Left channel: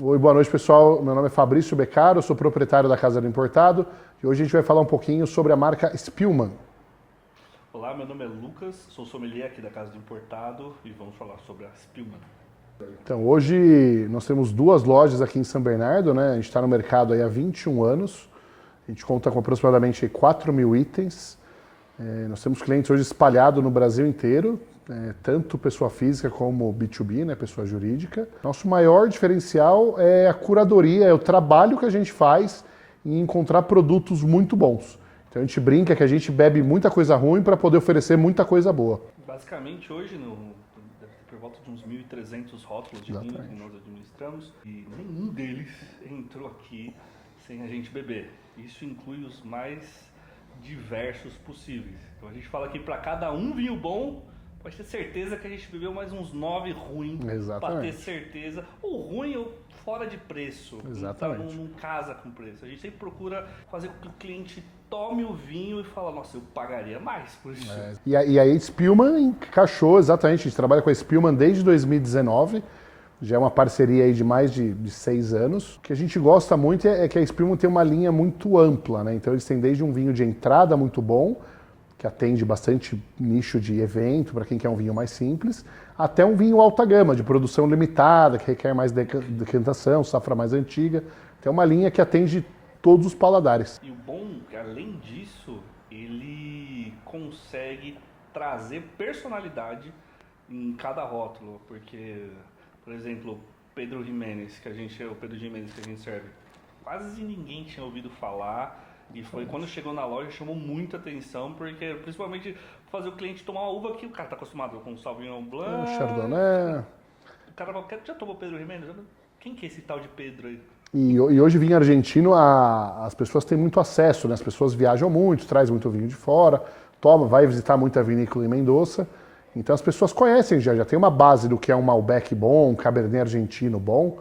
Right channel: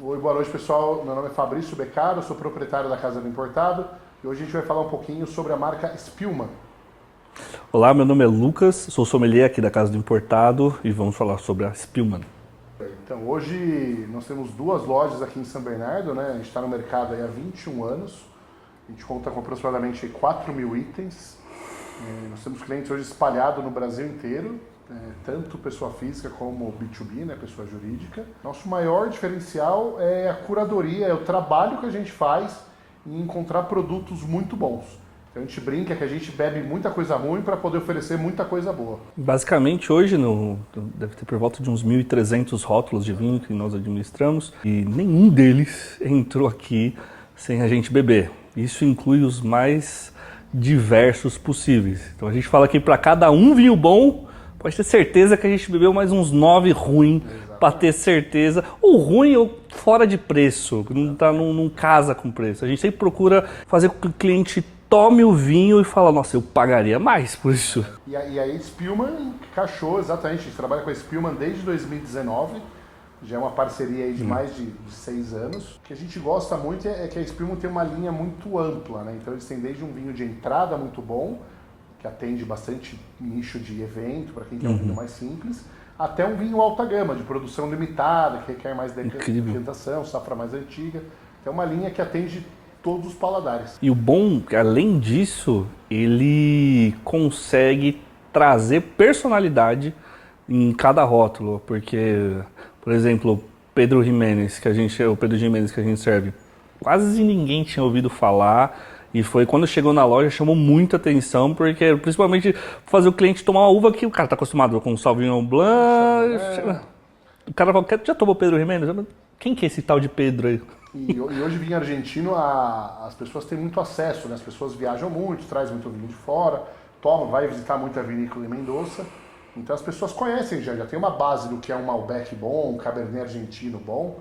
Oi, boa noite pessoal. Meu nome é Fabrício Beccaro, eu sou proprietário da Casa do Importado e hoje a gente vai falar um pouquinho sobre a marca Spillman. Olá, meu nome é Lucas, sou sommelier aqui da Casa do Importado e vamos falar sobre a Spillman. Então, hoje nós temos duas lojas aqui em São Bernardo, né? A gente está no mercado aí há 21 anos, a gente conta com aproximadamente 4 mil itens. Nós temos clientes hoje espalhados no Brasil inteiro, tanto pessoa física como B2B, né, pessoa jurídica. Nosso maior diferencial é a curadoria, é o trabalho que a gente faz em encontrar produtos muito bons. Então a gente brinca que a gente bebe muita coisa ruim para poder oferecer muita coisa boa. Basicamente, hoje deve ter por volta de uns 1.300 rótulos de vinho que nós administramos e nenhum deles entrou aqui sem a gente beber. Isso inclui os mais diversos possíveis. Então a gente fala que para cada um vinho bom, pode ter certeza que a gente bebeu mais uns 9 ruins para ter certeza. Ou ruim ou fora de preço, não casa com preço. A gente sempre procura fazer com que o cliente tome o vinho e fala, nossa, eu pagaria mais por isso. E aí a Spillman encaixou exatamente, a gente trabalha com a Spillman desde 2019, já é uma parceria aí de mais de 6 anos. O que a gente gosta muito é que a Spillman tem uma linha muito ampla, né? Então eles têm desde um vinho de entrada muito bom, que atende bastante nicho de evento, para quem quer um vinho mais simples, até um vinho alta gama, de produção limitada, que requer mais decantação, safra mais antiga. Tem uma linha que atende todos os paladares. E o bom, além disso, ele consegue trazer personalidade em cada rótulo, porque, por exemplo, Pedro Ximénez, o Pedro Ximénez que a gente serve, quase ninguém tinha ouvido falar. E foi quando chegou na loja, chamou muita atenção, porque principalmente fazer o cliente tomar uma uva que o cara está acostumado com Sauvignon Blanc. O cara fala, já tomou Pedro Ximénez? Quem que é esse tal de Pedro aí? E hoje vinho argentino, as pessoas têm muito acesso, né? As pessoas viajam muito, trazem muito vinho de fora, vai visitar muita vinícola em Mendoza. Então as pessoas conhecem já tem uma base do que é um Malbec bom, um Cabernet argentino bom.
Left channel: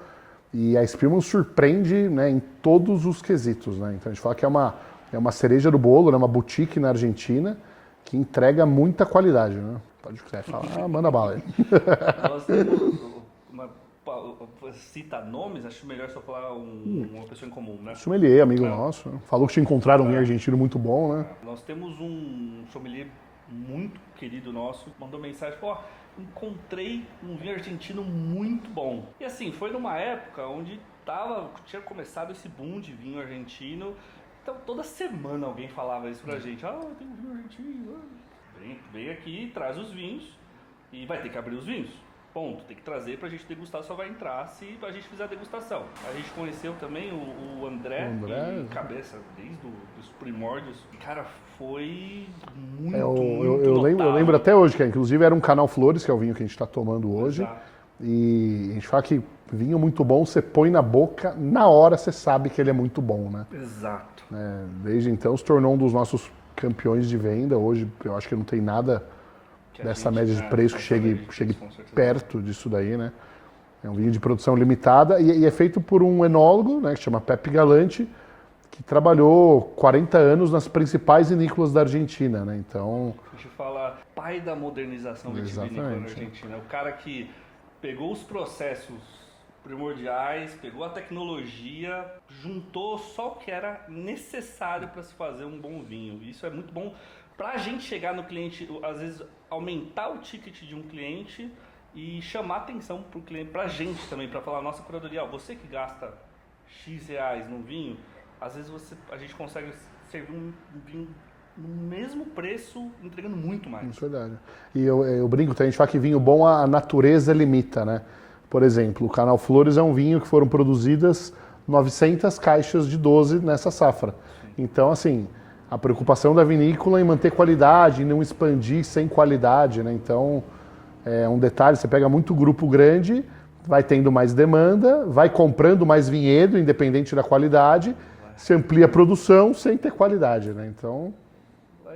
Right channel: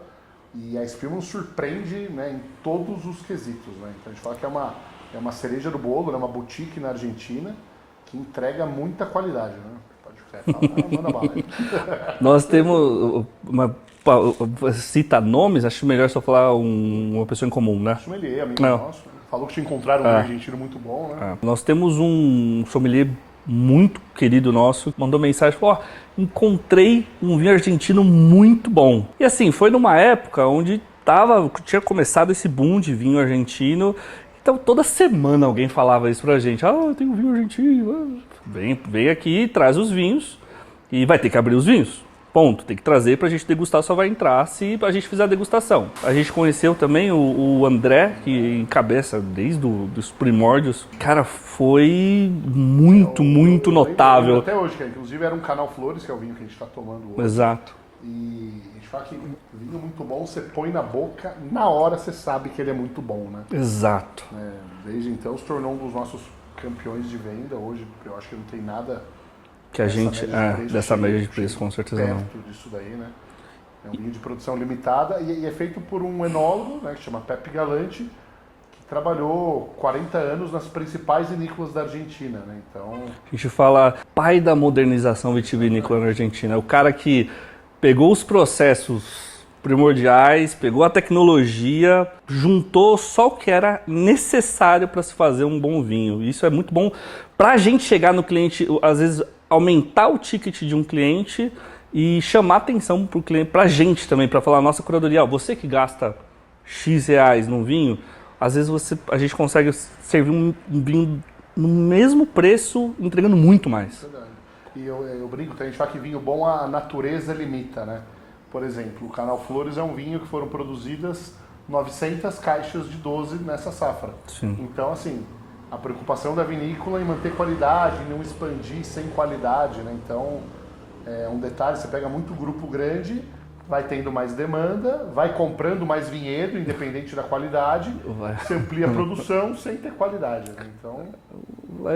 E a Spillman surpreende, né, em todos os quesitos, né? Então a gente fala que é uma cereja do bolo, né, uma boutique na Argentina que entrega muita qualidade, né? Pode falar, manda bala aí. Nós temos cita nomes, acho melhor só falar uma pessoa em comum, né? Sommelier, amigo nosso, né? Falou que te encontraram um argentino muito bom, né? Nós temos um sommelier muito querido nosso, mandou mensagem, falou, encontrei um vinho argentino muito bom. E assim, foi numa época onde tinha começado esse boom de vinho argentino, então toda semana alguém falava isso pra gente, eu tenho um vinho argentino, vem aqui, traz os vinhos e vai ter que abrir os vinhos. Ponto, tem que trazer pra gente degustar, só vai entrar se a gente fizer a degustação. A gente conheceu também o André, que encabeça desde os primórdios. Cara, foi muito notável. Lembro até hoje, que inclusive era um Canal Flores, que é o vinho que a gente está tomando hoje. Exato. E a gente fala que vinho muito bom, você põe na boca, na hora você sabe que ele é muito bom, né? Exato. Desde então se tornou um dos nossos campeões de venda. Hoje eu acho que não tem nada que a gente dessa média de preço com certeza perto disso daí, né? É um vinho de produção limitada e é feito por um enólogo, né, que chama Pepe Galante, que trabalhou 40 anos nas principais vinícolas da Argentina, né? Então a gente fala pai da modernização vitivinícola na Argentina, o cara que pegou os processos primordiais, pegou a tecnologia, juntou só o que era necessário para se fazer um bom vinho. Isso é muito bom para a gente chegar no cliente, às vezes aumentar o ticket de um cliente e chamar atenção para o cliente, para a gente também, para falar, nossa curadoria, você que gasta X reais num vinho, às vezes a gente consegue servir um vinho no mesmo preço, entregando muito mais. Verdade. E eu brinco, a gente fala que vinho bom a natureza limita, né? Por exemplo, o Canal Flores é um vinho que foram produzidas 900 caixas de 12 nessa safra. Sim. Então, assim, a preocupação da vinícola em manter qualidade, em não expandir sem qualidade, né? Então, é um detalhe, você pega muito grupo grande, vai tendo mais demanda, vai comprando mais vinhedo, independente da qualidade, você amplia a produção sem ter qualidade, né? Então,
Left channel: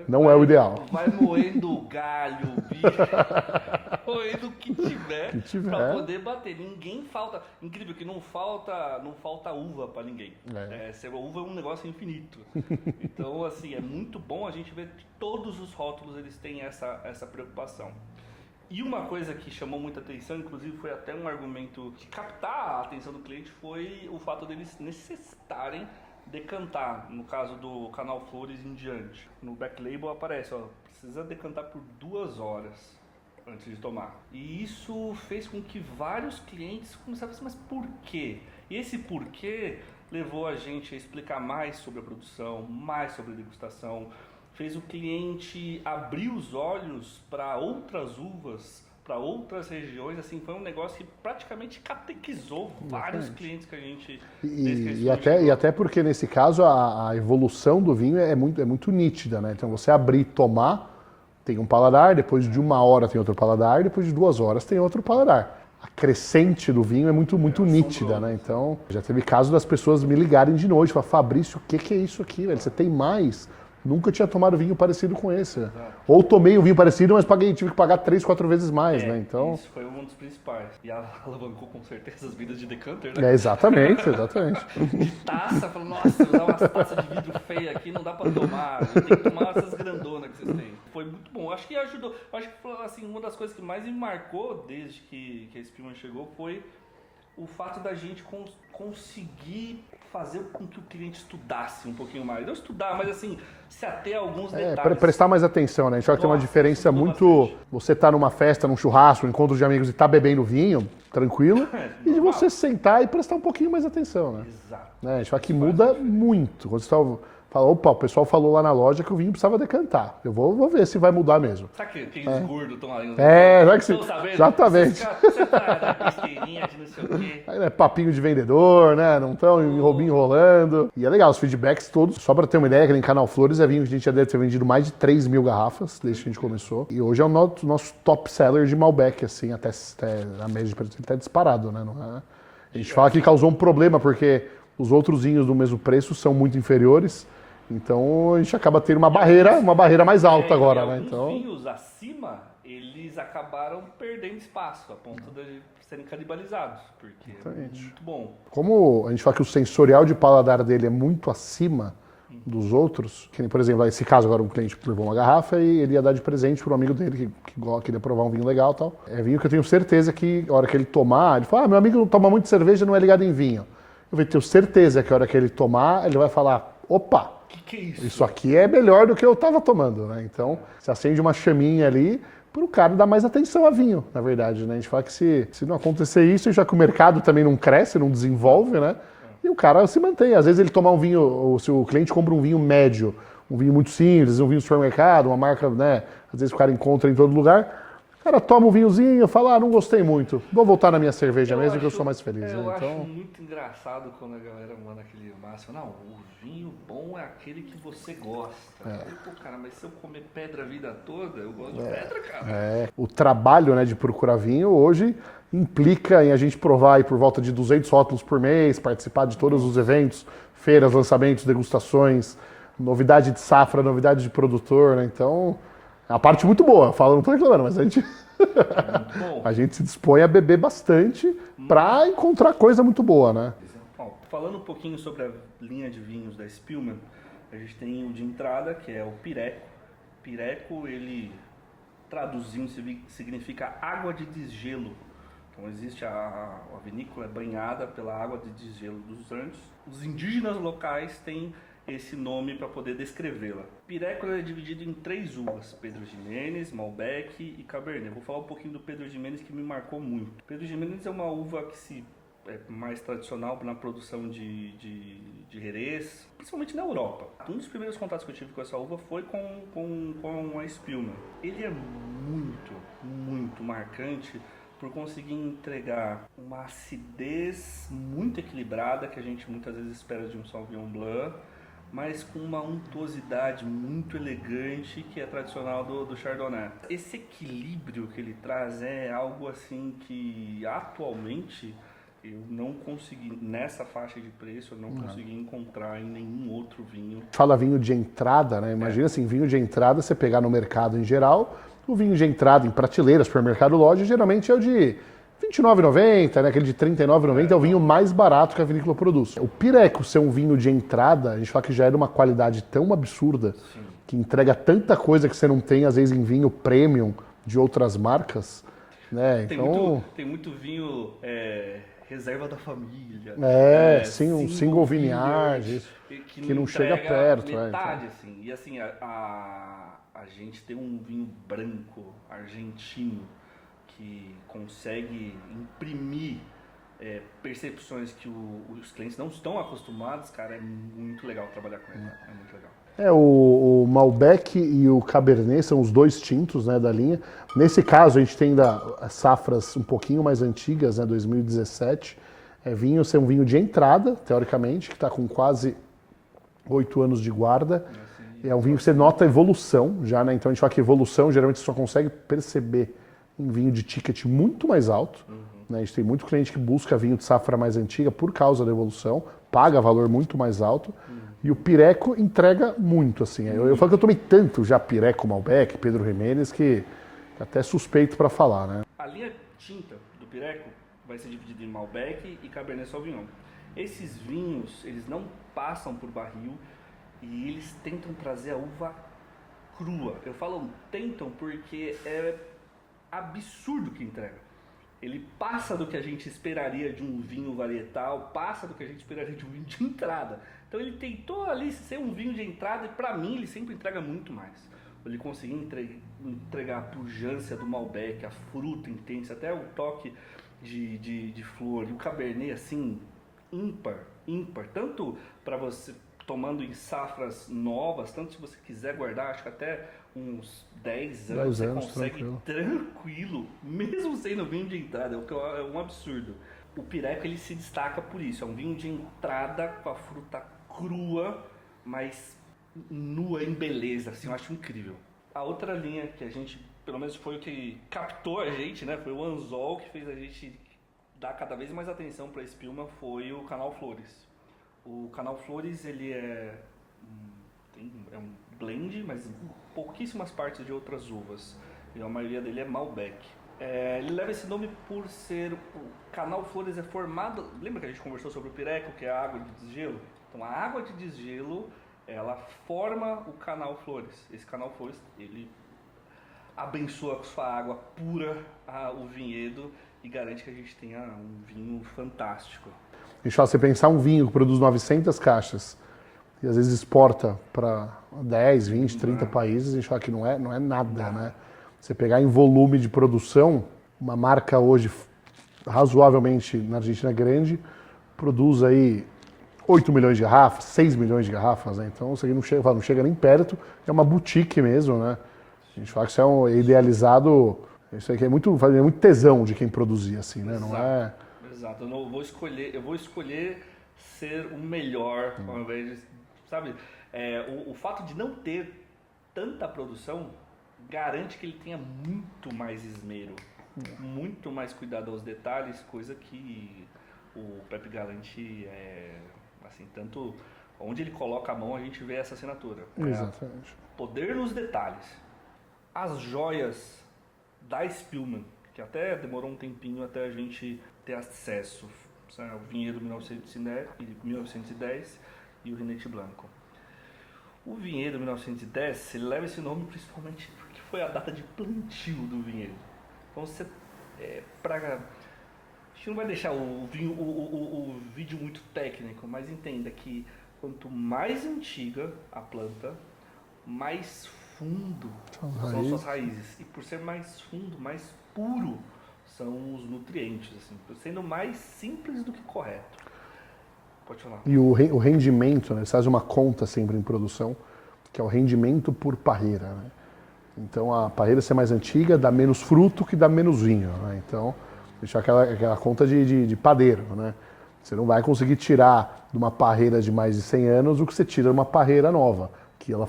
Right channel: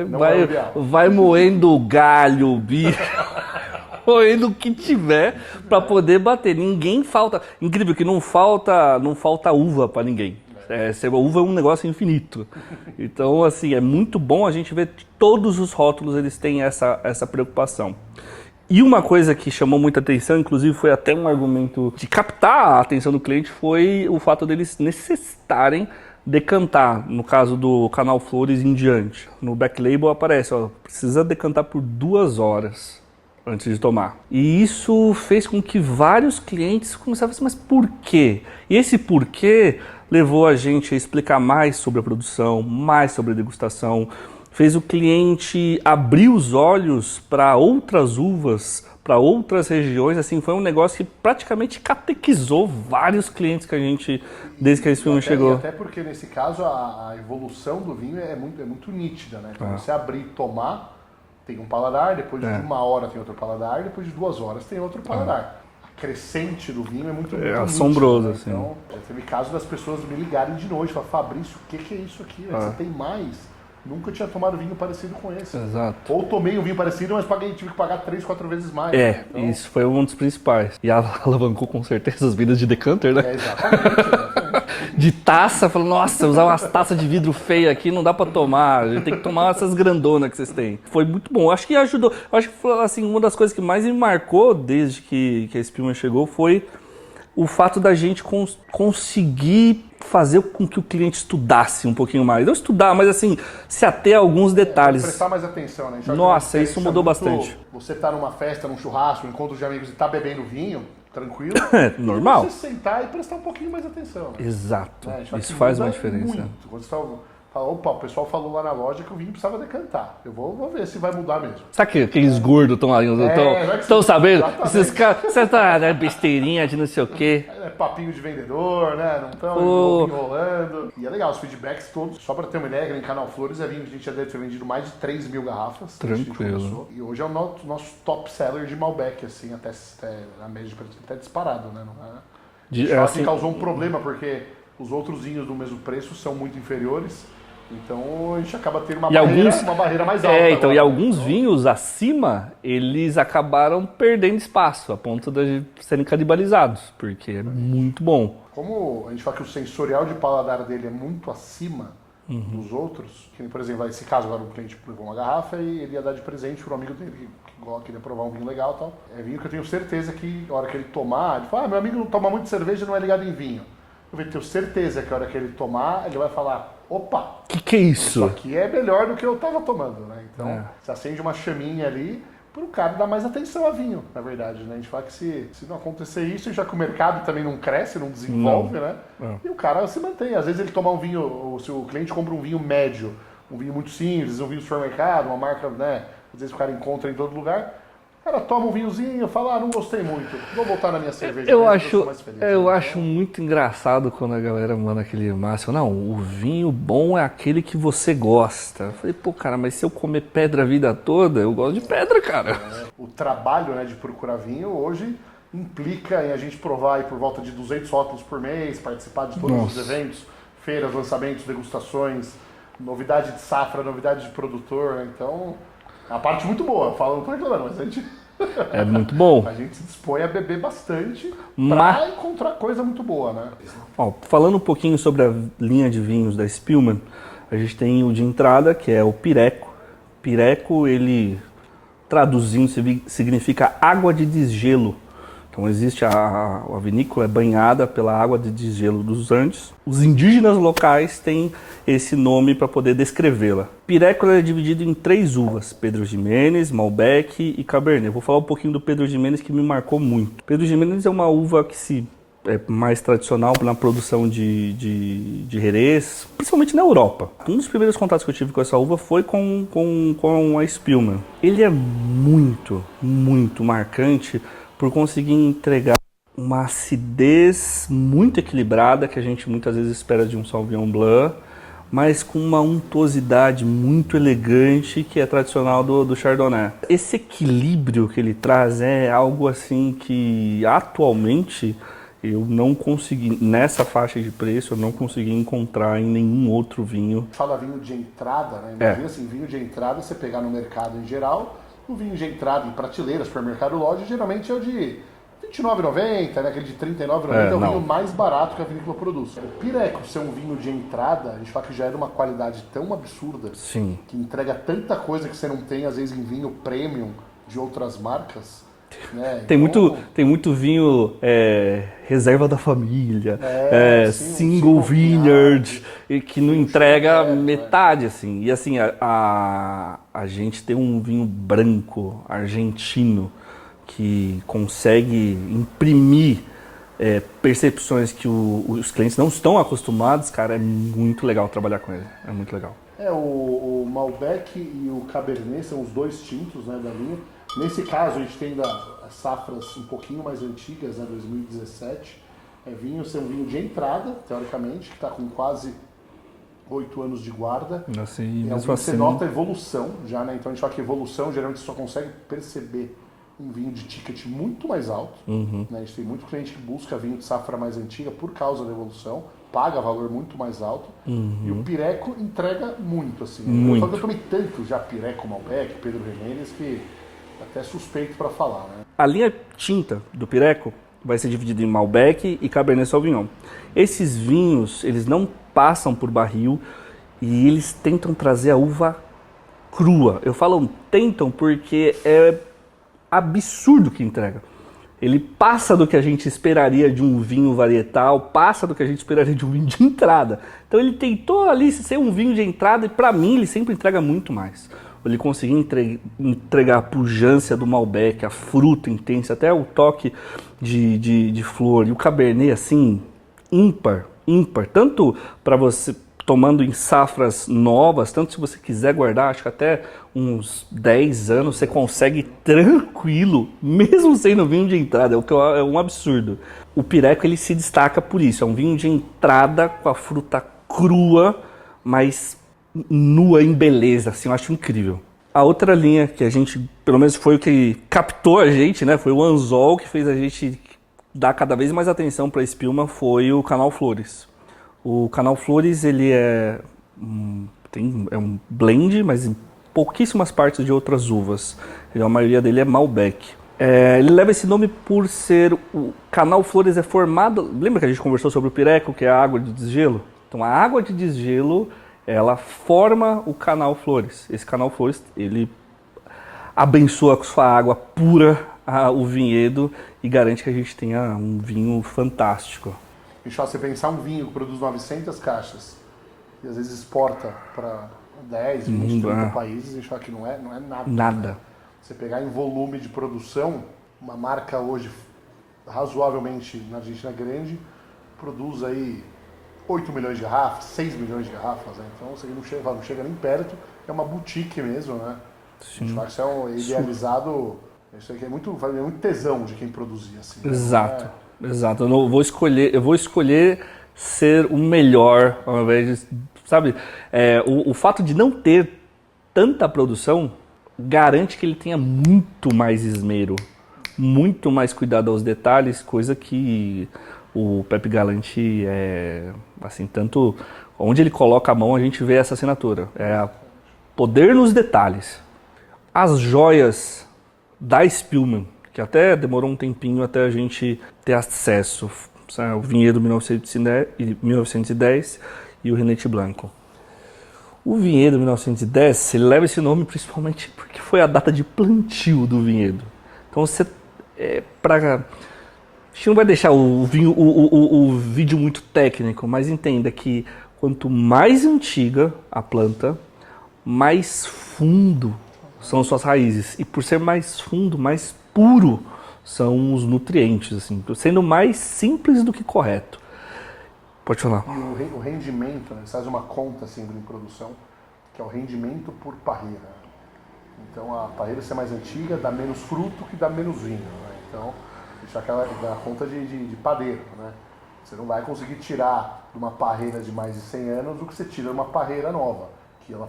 não é o ideal. Vai moendo galho, bicho, moendo o que tiver para poder bater. Ninguém falta. Incrível que não falta uva para ninguém. Uva é um negócio infinito. Então, assim, é muito bom a gente ver que todos os rótulos eles têm essa preocupação. E uma coisa que chamou muita atenção, inclusive foi até um argumento de captar a atenção do cliente, foi o fato deles necessitarem decantar, no caso do Canal Flores em diante. No back label aparece, ó, precisa decantar por 2 horas antes de tomar. E isso fez com que vários clientes começassem a dizer, mas por quê? E esse porquê levou a gente a explicar mais sobre a produção, mais sobre a degustação, fez o cliente abrir os olhos para outras uvas, para outras regiões, assim, foi um negócio que praticamente catequizou vários clientes que a gente, desde que esse filme chegou. E até porque, nesse caso, a evolução do vinho é muito nítida, né? Então, você abrir e tomar, tem um paladar, depois de 1 hora tem outro paladar, depois de 2 horas tem outro paladar. A crescente do vinho é muito assombroso, nítida, né? Então, já teve caso das pessoas me ligarem de noite, falar, Fabrício, o que é isso aqui? Você tem mais? Nunca tinha tomado vinho parecido com esse. Exato. Ou tomei um vinho parecido, mas tive que pagar 3, 4 vezes mais. Né? Então... isso foi um dos principais. E alavancou com certeza as vidas de decanter, né? Exatamente. De taça, falando, nossa, usar umas taças de vidro feia aqui não dá pra tomar. A gente tem que tomar essas grandonas que vocês têm. Foi muito bom. Acho que ajudou. Acho que foi, assim, uma das coisas que mais me marcou desde que a Spillman chegou foi o fato da gente conseguir fazer com que o cliente estudasse um pouquinho mais. Não estudar, mas assim, se ater a alguns detalhes. Prestar mais atenção, né? Nossa, isso mudou bastante. Você tá numa festa, num churrasco, um encontro de amigos e tá bebendo vinho, tranquilo. Normal. E você sentar e prestar um pouquinho mais atenção, né? Exato. Isso faz uma diferença. Muito. Quando você fala, opa, o pessoal falou lá na loja que o vinho precisava decantar. Eu vou ver se vai mudar mesmo. Sabe que aqueles gordos estão aí? Estão sabendo? Você tá na besteirinha de não sei o quê. É papinho de vendedor, né? Não estão enrolando. E é legal, os feedbacks todos. Só pra ter uma ideia, que em Canal Flores é vinho que a gente já deve ter vendido mais de 3 mil garrafas. Desde que a gente começou. E hoje é o nosso top seller de Malbec, assim, até na média de preço, até disparado, né? A gente fala que causou um problema, porque os outros vinhos do mesmo preço são muito inferiores. Então a gente acaba tendo uma barreira mais alta. Agora, e alguns vinhos acima, eles acabaram perdendo espaço, a ponto de serem canibalizados, porque é muito bom. Como a gente fala que o sensorial de paladar dele é muito acima dos outros, que, por exemplo, nesse caso agora o cliente levou uma garrafa e ele ia dar de presente para um amigo dele que queria provar um vinho legal e tal. É vinho que eu tenho certeza que a hora que ele tomar, ele fala, meu amigo não toma muito cerveja, não é ligado em vinho. Eu tenho certeza que a hora que ele tomar, ele vai falar, opa, que é isso? Isso aqui é melhor do que eu estava tomando, né? Então, você acende uma chaminha ali para o cara dar mais atenção a vinho, na verdade, né? A gente fala que se não acontecer isso, já que o mercado também não cresce, não desenvolve, né? E o cara se mantém. Às vezes ele tomar um vinho, ou se o cliente compra um vinho médio, um vinho muito simples, um vinho do supermercado, uma marca, né? Às vezes o cara encontra em todo lugar. O cara toma um vinhozinho, fala, não gostei muito, vou voltar na minha cerveja mesmo, eu sou mais feliz. Eu acho muito engraçado quando a galera manda aquele máximo, não, o vinho bom é aquele que você gosta. Eu falei, pô, cara, mas se eu comer pedra a vida toda, eu gosto de pedra, cara. O trabalho, né, de procurar vinho hoje implica em a gente provar aí por volta de 200 rótulos por mês, participar de todos os eventos, feiras, lançamentos, degustações, novidade de safra, novidade de produtor, né? Então... A parte muito boa, não tô reclamando, mas a gente... É muito bom. A gente se dispõe a beber bastante para encontrar coisa muito boa, né? Ó, falando um pouquinho sobre a linha de vinhos da Spillman, a gente tem o de entrada, que é o Pireco. Pireco, ele, traduzindo, significa água de desgelo. Então existe a vinícola é banhada pela água de desgelo dos Andes. Os indígenas locais têm esse nome para poder descrevê-la. Pireco é dividido em 3 uvas, Pedro Ximénez, Malbec e Cabernet. Eu vou falar um pouquinho do Pedro Ximénez que me marcou muito. Pedro Ximénez é uma uva que é mais tradicional na produção de Jerez, principalmente na Europa. Um dos primeiros contatos que eu tive com essa uva foi com a Spillman. Ele é muito, muito marcante por conseguir entregar uma acidez muito equilibrada, que a gente muitas vezes espera de um Sauvignon Blanc, mas com uma untuosidade muito elegante que é tradicional do Chardonnay. Esse equilíbrio que ele traz é algo assim que atualmente eu não consegui, nessa faixa de preço, eu não consegui encontrar em nenhum outro vinho. Fala vinho de entrada, né? Imagina assim, vinho de entrada, você pegar no mercado em geral, o vinho de entrada em prateleiras, supermercado, loja, geralmente é o de R$ 29,90, né? Aquele de R$ 39,90 é o vinho mais barato que a vinícola produz. O Pireco ser um vinho de entrada, a gente fala que já é de uma qualidade tão absurda, sim, que entrega tanta coisa que você não tem, às vezes, em vinho premium, de outras marcas, né? Tem muito vinho reserva da família, single vineyard, que não entrega perto, metade, assim. E assim, a gente tem um vinho branco argentino que consegue imprimir percepções que os clientes não estão acostumados, cara, é muito legal trabalhar com ele, é muito legal. O Malbec e o Cabernet são os dois tintos, né, da linha. Nesse caso, a gente tem ainda safras um pouquinho mais antigas, né, 2017. Ser um vinho de entrada, teoricamente, que está com quase 8 anos de guarda. Assim, é um vinho que você nota a evolução já, né? Então a gente fala que evolução, geralmente você só consegue perceber um vinho de ticket muito mais alto. Né? A gente tem muito cliente que busca vinho de safra mais antiga por causa da evolução, paga valor muito mais alto. E o Pireco entrega muito, assim. Eu falo que eu tomei tanto já Pireco, Malbec, Pedro Ximénez, que até suspeito para falar, né? A linha tinta do Pireco vai ser dividida em Malbec e Cabernet Sauvignon. Esses vinhos, eles não passam por barril e eles tentam trazer a uva crua. Eu falo tentam porque é absurdo o que entrega. Ele passa do que a gente esperaria de um vinho varietal, passa do que a gente esperaria de um vinho de entrada. Então ele tentou ali ser um vinho de entrada e para mim ele sempre entrega muito mais. Ele conseguiu entregar a pujança do Malbec, a fruta intensa, até o toque de flor. E o Cabernet, assim, ímpar. Tanto para você tomando em safras novas, tanto se você quiser guardar, acho que até uns 10 anos você consegue tranquilo, mesmo sendo vinho de entrada, o que é um absurdo. O Pireco, ele se destaca por isso, é um vinho de entrada com a fruta crua, mas nua em beleza, assim, eu acho incrível. A outra linha que a gente, pelo menos foi o que captou a gente, né, foi o anzol que fez a gente dar cada vez mais atenção para a espilma, foi o Canal Flores. O Canal Flores, ele é um blend, mas em pouquíssimas partes de outras uvas. A maioria dele é Malbec. Ele leva esse nome por ser... O Canal Flores é formado... Lembra que a gente conversou sobre o Pireco, que é a água de desgelo? Então, a água de desgelo, ela forma o Canal Flores. Esse Canal Flores, ele abençoa com sua água pura o vinhedo e garante que a gente tenha um vinho fantástico. Você pensar um vinho que produz 900 caixas e às vezes exporta para 10, 20, 30 países, e que não é nada. Né? Você pegar em volume de produção, uma marca hoje razoavelmente na Argentina grande, produz aí 8 milhões de garrafas, 6 milhões de garrafas, né? Então você não chega nem perto, é uma boutique mesmo, né? Sim. A gente fala que isso é um idealizado, isso aqui é muito tesão de quem produzia, assim. Né? Exato. Eu vou escolher ser o melhor, ao invés de, sabe? O fato de não ter tanta produção garante que ele tenha muito mais esmero, muito mais cuidado aos detalhes, coisa que o Pepe Galante assim, tanto onde ele coloca a mão a gente vê essa assinatura. Poder nos detalhes. As joias da Spillman, que até demorou um tempinho até a gente ter acesso. O vinhedo 1910 e o Renete Blanco. O vinhedo 1910, ele leva esse nome principalmente porque foi a data de plantio do vinhedo. Então você... a gente não vai deixar o vídeo muito técnico, mas entenda que quanto mais antiga a planta, mais fundo são suas raízes. E por ser mais fundo, mais puro são os nutrientes, assim, sendo mais simples do que correto. Pode falar. E o rendimento, né? Você faz uma conta sempre em produção, que é o rendimento por parreira. Né? Então a parreira ser mais antiga dá menos fruto que dá menos vinho. Né? Então, deixar aquela conta de padeiro. Né? Você não vai conseguir tirar de uma parreira de mais de 100 anos o que você tira de uma parreira nova, que ela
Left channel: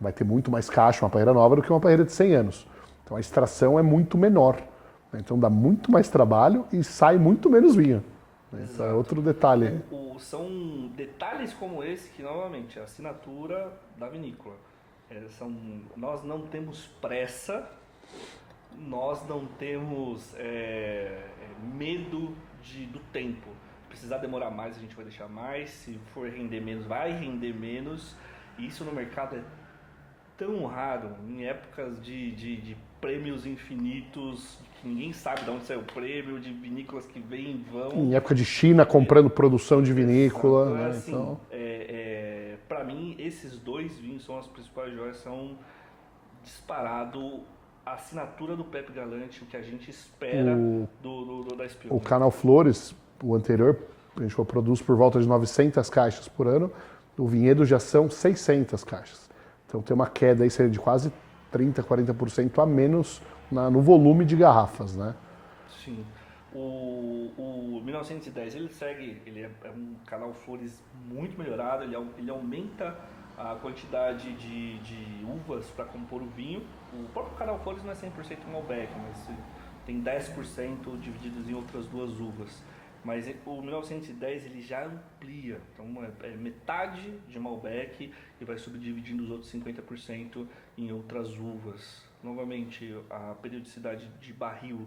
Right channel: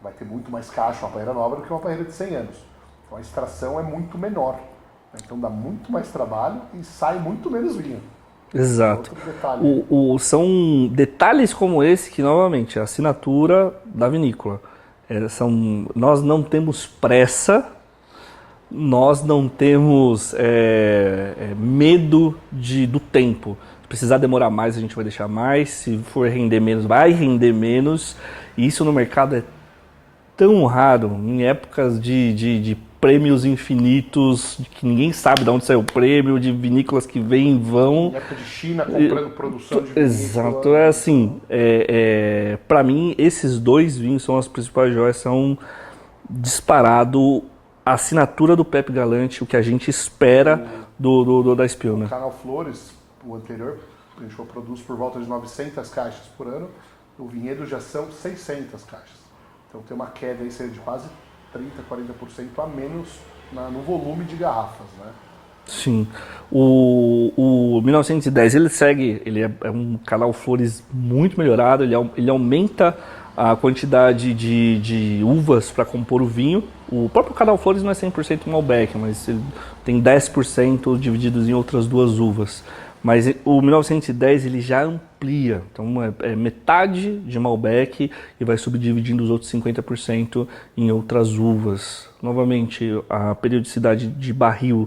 vai ter muito mais caixa, uma parreira nova, do que uma parreira de 100 anos. Então a extração é muito menor. Né? Então dá muito mais trabalho e sai muito menos vinho. Exato. Outro detalhe. São detalhes como esse que, novamente, a assinatura da vinícola. Nós não temos pressa, nós não temos medo do tempo. Se precisar demorar mais, a gente vai deixar mais. Se for render menos, vai render menos. E isso no mercado é tão raro, em épocas de prêmios infinitos, que ninguém sabe de onde saiu o prêmio, de vinícolas que vêm e vão. Em época de China, comprando produção de vinícola. Exato, assim, para mim, esses dois vinhos são as principais joias, são disparado a assinatura do Pepe Galante, o que a gente espera da Spillner. O Canal Flores, o anterior, a gente produz por volta de 900 caixas por ano, o Vinhedo já são 600 caixas. Então tem uma queda aí de quase 30%, 40% a menos no volume de garrafas, né? Sim. O 1910, ele é um Canal Flores muito melhorado, ele aumenta a quantidade de uvas para compor o vinho. O próprio Canal Flores não é 100% Malbec, mas ele tem 10% divididos em outras duas uvas. Mas o 1910 ele já amplia, então é metade de Malbec e vai subdividindo os outros 50% em outras uvas. Novamente, a periodicidade de barril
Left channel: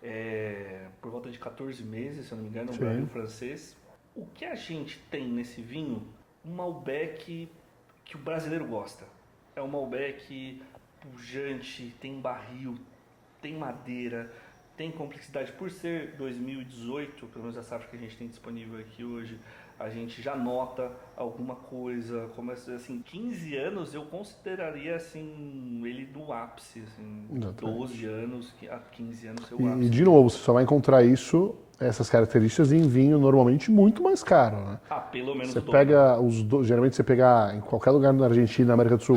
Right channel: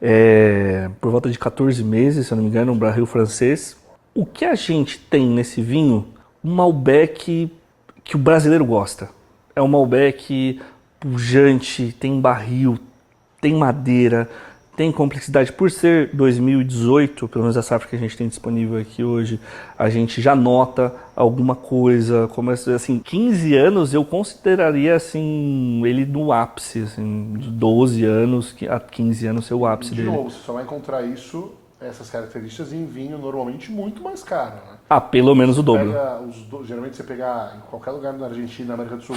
é por volta de 14 meses, se eu não me engano, um barril francês. O que a gente tem nesse vinho? Um Malbec que o brasileiro gosta. É um Malbec pujante, tem barril, tem madeira, tem complexidade. Por ser 2018, pelo menos a safra que a gente tem disponível aqui hoje, a gente já nota alguma coisa. Como assim, 15 anos eu consideraria assim, ele no ápice, assim, de 12 anos a 15 anos ser o ápice. De novo, você só vai encontrar essas características em vinho normalmente muito mais caro, né? Pelo menos o dobro. Geralmente você pega em qualquer lugar na Argentina, na América do Sul,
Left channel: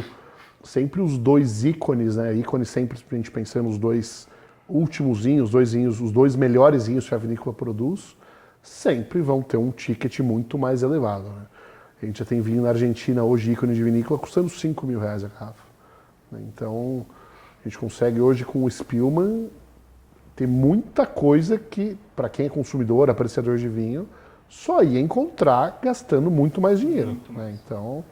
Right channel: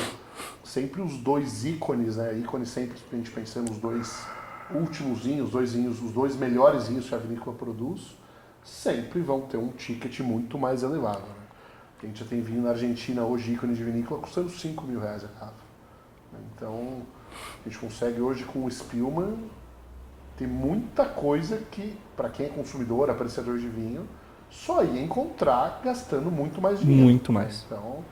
sempre os dois ícones, né? Ícones sempre, pra gente pensar nos dois últimos vinhos, os dois melhores vinhos que a vinícola produz, sempre vão ter um ticket muito mais elevado, né? A gente já tem vinho na Argentina hoje, ícone de vinícola, custando 5 mil reais a garrafa. Então, a gente consegue hoje com o Spillman ter muita coisa que, para quem é consumidor, apreciador de vinho, só ia encontrar gastando muito mais dinheiro. Muito mais. Né? Então,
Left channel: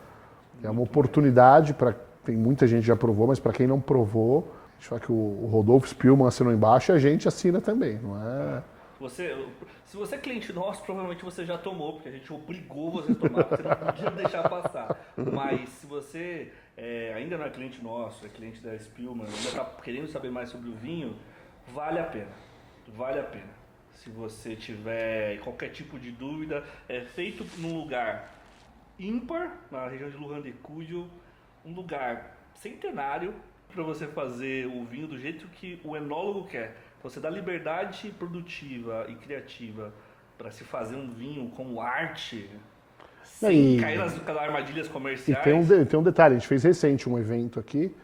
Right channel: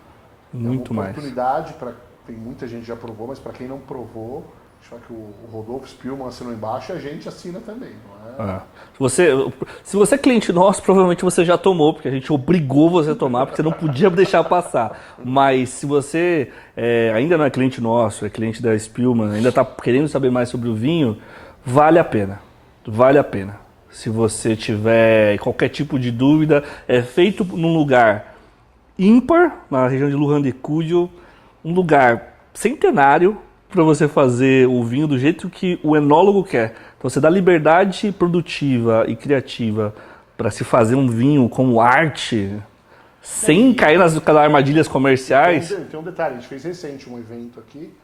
muito é uma oportunidade para tem muita gente que já provou, mas para quem não provou, acho que o Rodolfo Spillman assinou embaixo e a gente assina também, não é? Se você é cliente nosso, provavelmente você já tomou, porque a gente obrigou você a tomar, porque você não podia deixar passar. Mas se você ainda não é cliente nosso, é cliente da Spillman, ainda está querendo saber mais sobre o vinho, vale a pena. Vale a pena. Se você tiver qualquer tipo de dúvida, é feito num lugar ímpar, na região de Luján de Cuyo, um lugar centenário para você fazer o vinho do jeito que o enólogo quer. Então você dá liberdade produtiva e criativa para se fazer um vinho como arte, sem cair nas armadilhas comerciais. Tem um detalhe, a gente fez recente um evento aqui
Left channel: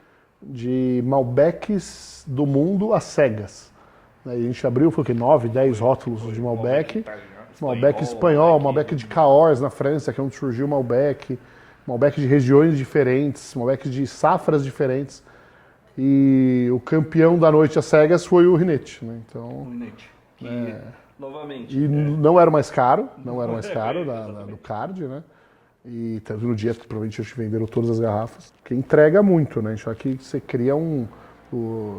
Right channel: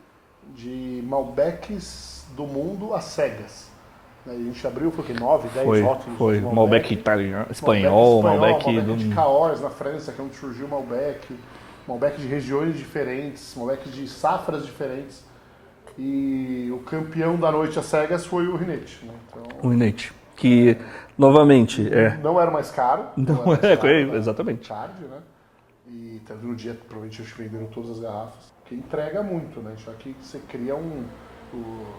de Malbecs do mundo às cegas. A gente abriu, foi o quê? 9, 10 rótulos de Malbec. Malbec italiano, espanhol, Malbec de Cahors na França, que é onde surgiu o Malbec. Malbec de regiões diferentes, Malbec de safras diferentes. E o campeão da noite às cegas foi o Rinete. Né? Então, o Rinete, que novamente... Não era o mais caro. Exatamente. Do card, né? E tanto no dia, provavelmente, eles venderam todas as garrafas. Que entrega muito, né? Isso aqui você cria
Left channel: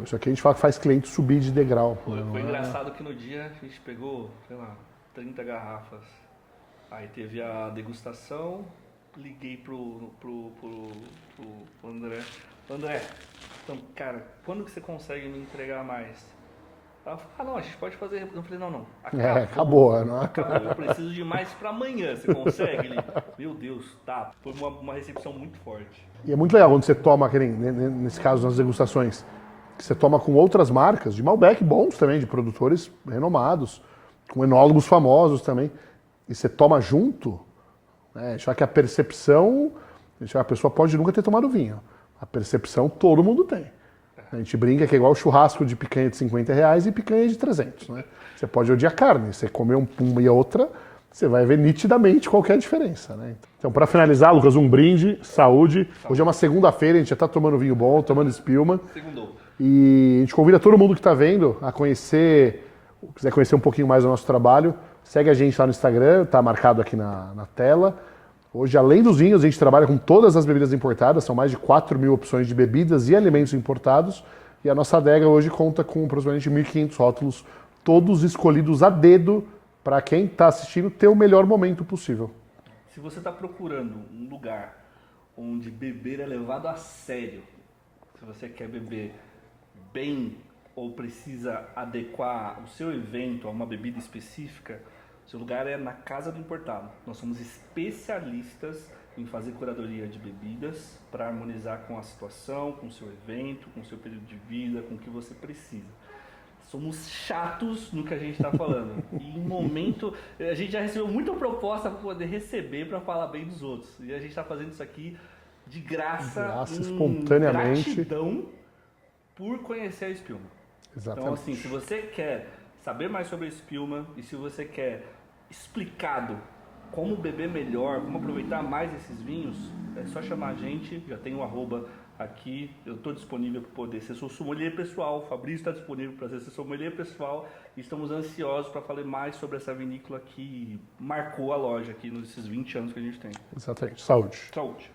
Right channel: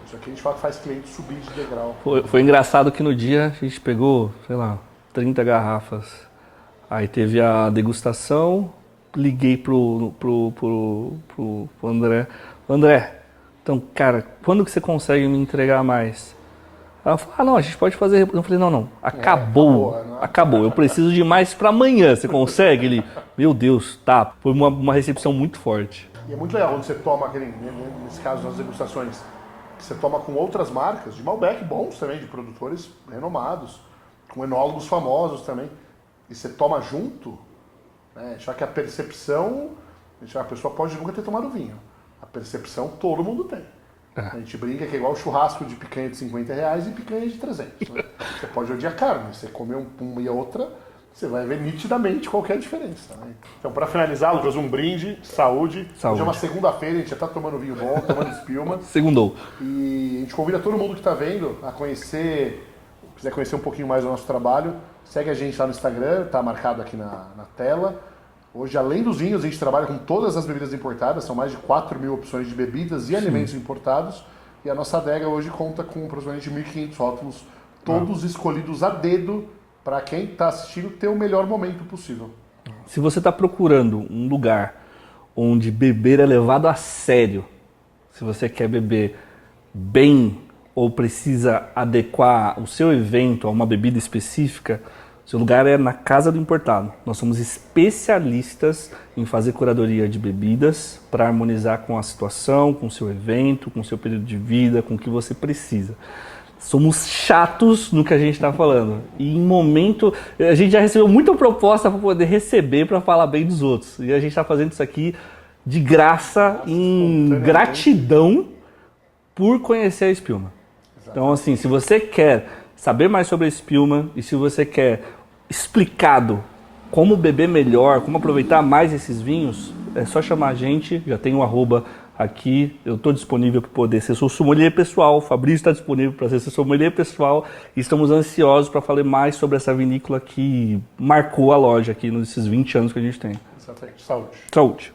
isso aqui a gente fala que faz cliente subir de degrau. Foi engraçado que no dia a gente pegou, sei lá, 30 garrafas. Aí teve a degustação, liguei pro André. André, então, cara, quando que você consegue me entregar mais? Ela falou, não, a gente pode fazer... Eu falei, não, acabou. Eu preciso de mais para amanhã, você consegue? Ele, meu Deus, tá. Foi uma recepção muito forte. E é muito legal quando você toma, nesse caso, nas degustações, que você toma com outras marcas, de Malbec bons também, de produtores renomados, com enólogos famosos também, e você toma junto, né, já que a percepção, a pessoa pode nunca ter tomado vinho, a percepção todo mundo tem. A gente brinca que é igual churrasco de picanha de 50 reais e picanha de 300. Né? Você pode odiar carne, você comer uma e a outra, você vai ver nitidamente qual que é a diferença. Né? Então, para finalizar, Lucas, um brinde, saúde. Hoje é uma segunda-feira, a gente já está tomando vinho bom, tomando Spillman. Segundou. E a gente convida todo mundo que está vendo a quiser conhecer um pouquinho mais do nosso trabalho, segue a gente lá no Instagram, está marcado aqui na tela. Hoje, além dos vinhos, a gente trabalha com todas as bebidas importadas, são mais de 4 mil opções de bebidas e alimentos importados. E a nossa adega hoje conta com aproximadamente 1.500 rótulos, todos escolhidos a dedo para quem está assistindo ter o melhor momento possível. Se você está procurando um lugar onde beber é levado a sério, se você quer beber bem ou precisa adequar o seu evento a uma bebida específica, seu lugar é na Casa do Importado. Nós somos especialistas em fazer curadoria de bebidas para harmonizar com a situação, com o seu evento, com o seu período de vida, com o que você precisa. Somos chatos no que a gente está falando. E em momento... A gente já recebeu muita proposta para poder receber, para falar bem dos outros. E a gente está fazendo isso aqui de graça, em gratidão por conhecer a Spillman. Então, assim, se você quer saber mais sobre a Spillman e se você quer explicado como beber melhor, como aproveitar mais esses vinhos, é só chamar a gente, já tem um @ aqui, eu estou disponível para poder ser seu sommelier pessoal, o Fabrício está disponível para ser seu sommelier pessoal e estamos ansiosos para falar mais sobre essa vinícola que marcou a loja aqui nesses 20 anos que a gente tem. Exatamente. Saúde. Saúde.